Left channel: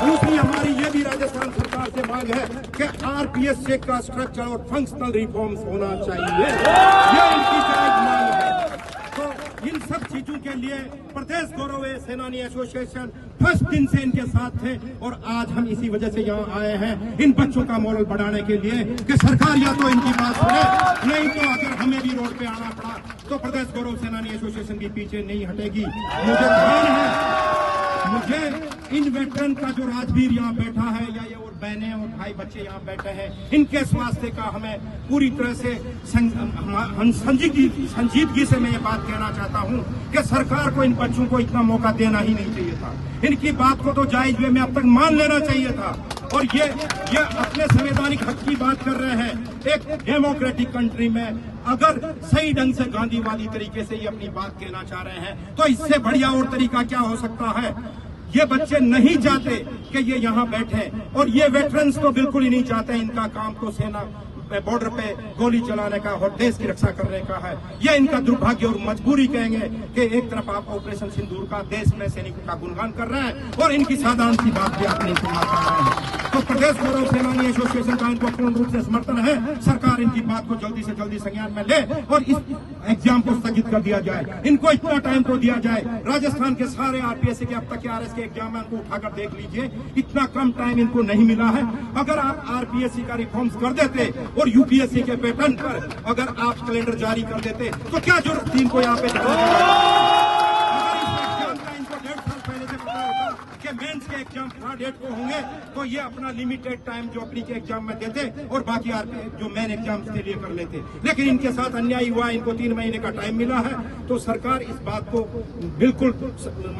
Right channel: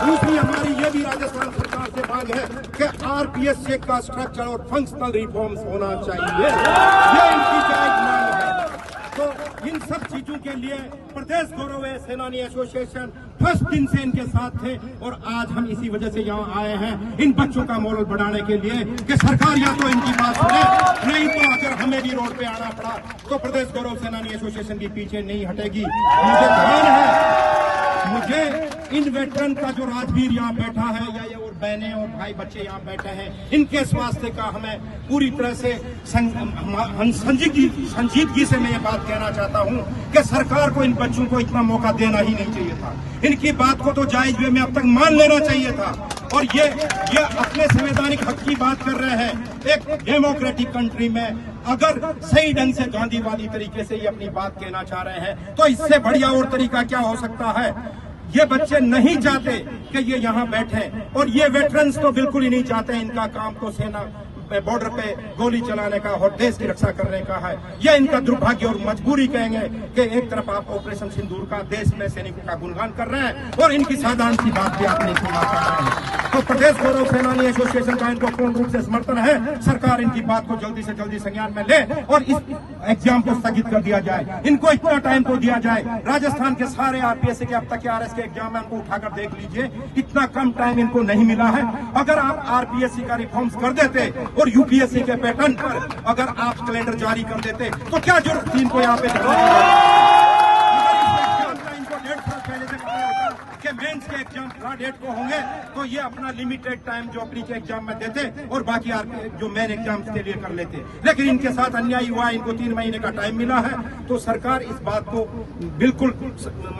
दूसरी हमारी ये भी राजस्थान सरकार से मांग है कि आरपीएस चेक का स्ट्रक्चर और फंक्शनल रिफॉर्म्स होना चाहिए। ये इनकी जायज मांग है। तो इन सब चीजों के लिए प्रदेश गौरव सेनानी एसोसिएशन फर्स्ट दिन से इनके साथ थे और आज हम इसी वजह से यहाँ आए हैं इन बच्चों का मोरल बढ़ाने के लिए कि सरकार या तो इनकी बात सुने, नहीं तो अगर हमें भी रोड पे आना पड़ा तो प्रदेश गौरव सेनानी एसोसिएशन के पीछे नहीं हटेगी। मुझे ध्यान है, मुझे इन वेटरन का जो राजवीर यहाँ बैठा है या ये और बहनें और भाई बच्चे यहाँ बैठे हैं, इनके स्वास्थ्य का हमें पूरी तरह से संजीदगी से मैं ये बात कहना चाहता हूँ कि सरकार को इन बच्चों को इतना मौका देना ही नहीं चाहिए था। इनकी बात को तो जायज वे में अब तक मान लेना चाहिए था। और ये अपने संवैधानिक हक की बात कर रहे हैं। एक डेमोक्रेटिक कंट्री में अगर सही ढंग से गांधीवादी तरीके से ये अपनी बात कहना चाह रहे हैं तो इससे बढ़िया और तरीका क्या हो सकता है। ये बच्चे नहीं चाहते कि ये यहाँ बैठे और ये वेटरन्स तो बिल्कुल ही नहीं चाहते। इनका काम तो सेना बॉर्डर पे गोली चलाने का और देश की रक्षा करने का है। यह इनका दुर्भाग्य और मजबूरी कहेंगे कि एक तरफ आप ऑपरेशन सिंदूर का देश में सैनिकों का गुणगान कर रहे हैं और इनकी साधारण सी बात भी आप नहीं सुना सकते हैं। तो प्रदेश गौरव सेनानी एसोसिएशन का इनको पूर्ण रूप से समर्थन है। सरकार इनकी बात को जल्दी से जल्दी संज्ञान में ले और इस एग्जाम को स्थगित कर दिया जाए। इनको इतना टाइम तो दिया जाए। राजस्थान के सारे आरपीएस के अब तक के आरएस के एग्जाम है, उनको उठाकर देख लीजिए, इतना कम टाइम इनको नहीं मिला है। अगर आप आरपीएससी का रिफॉर्म्स कर देते और यूपीएससी के पैटर्न पर अगर आप कैलेंडर जारी कर देते तो क्या जरूरत थी इनको यहाँ पे करने की। अगर इस एग्जाम का इनको 1.5 साल पहले से पता होता कि मेंस के एग्जाम 3 को होंगे तो ये अपना लिमिटेड टाइम जो प्री के एग्जाम में देते और बाकी जो मेन एग्जाम्स के लिए कर लेते। लेकिन इनके साथ अन्याय हुआ, इनको 3 महीने का टाइम मिला है। तो सरकार इस बात को बिल्कुल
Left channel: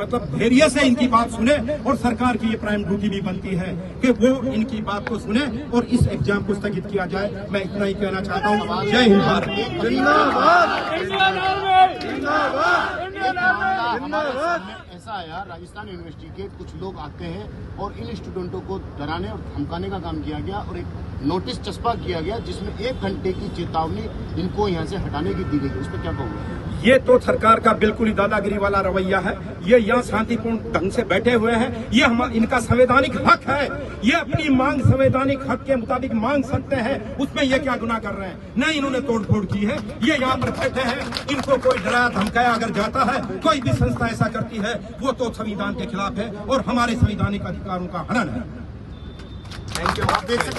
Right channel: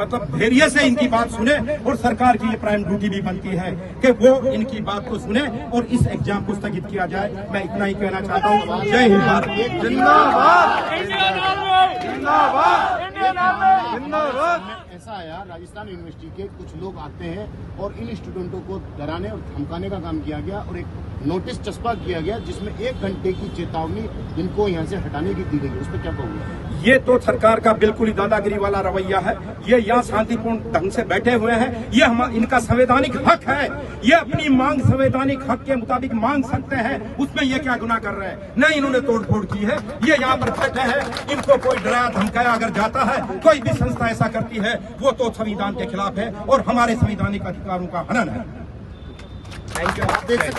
मतलब धैर्य से इनकी बात सुने और सरकार की ये प्राइम ड्यूटी भी बनती है कि वो इनकी बात को सुने और इस एग्जाम को स्थगित किया जाए। मैं इतना ही कहना चाहता हूँ। जय हिंद भारत। ऐसा आया, राजस्थान यूनिवर्सिटी के कुछ लोग आते हैं और इन स्टूडेंटों को डराने और धमकाने का काम किया गया और एक नोटिस चस्पा किया गया जिसमें 1 घंटे की चेतावनी इनको यहाँ से हटाने की दी गई। उस पर क्या कहोगे? ये तो सरकार का बिल्कुल ही दादागिरी वाला रवैया है। ये यहाँ शांतिपूर्ण ढंग से बैठे हुए हैं। ये इनका संवैधानिक हक है। ये अपनी मांग संवैधानिक हक के मुताबिक मांग सकते हैं। उसमें ये क्या गुनाह कर रहे हैं? नहीं, इन्होंने तोड़फोड़ की है। ये यहाँ पर बैठे हैं। इनको कोई डराया धमकाया अगर जाता है, कोई भी संस्था ऐसा करती है, वो तो संविधान के खिलाफ है और हमारे संवैधानिक अधिकारों का हनन है। Thank you. आप देख सकते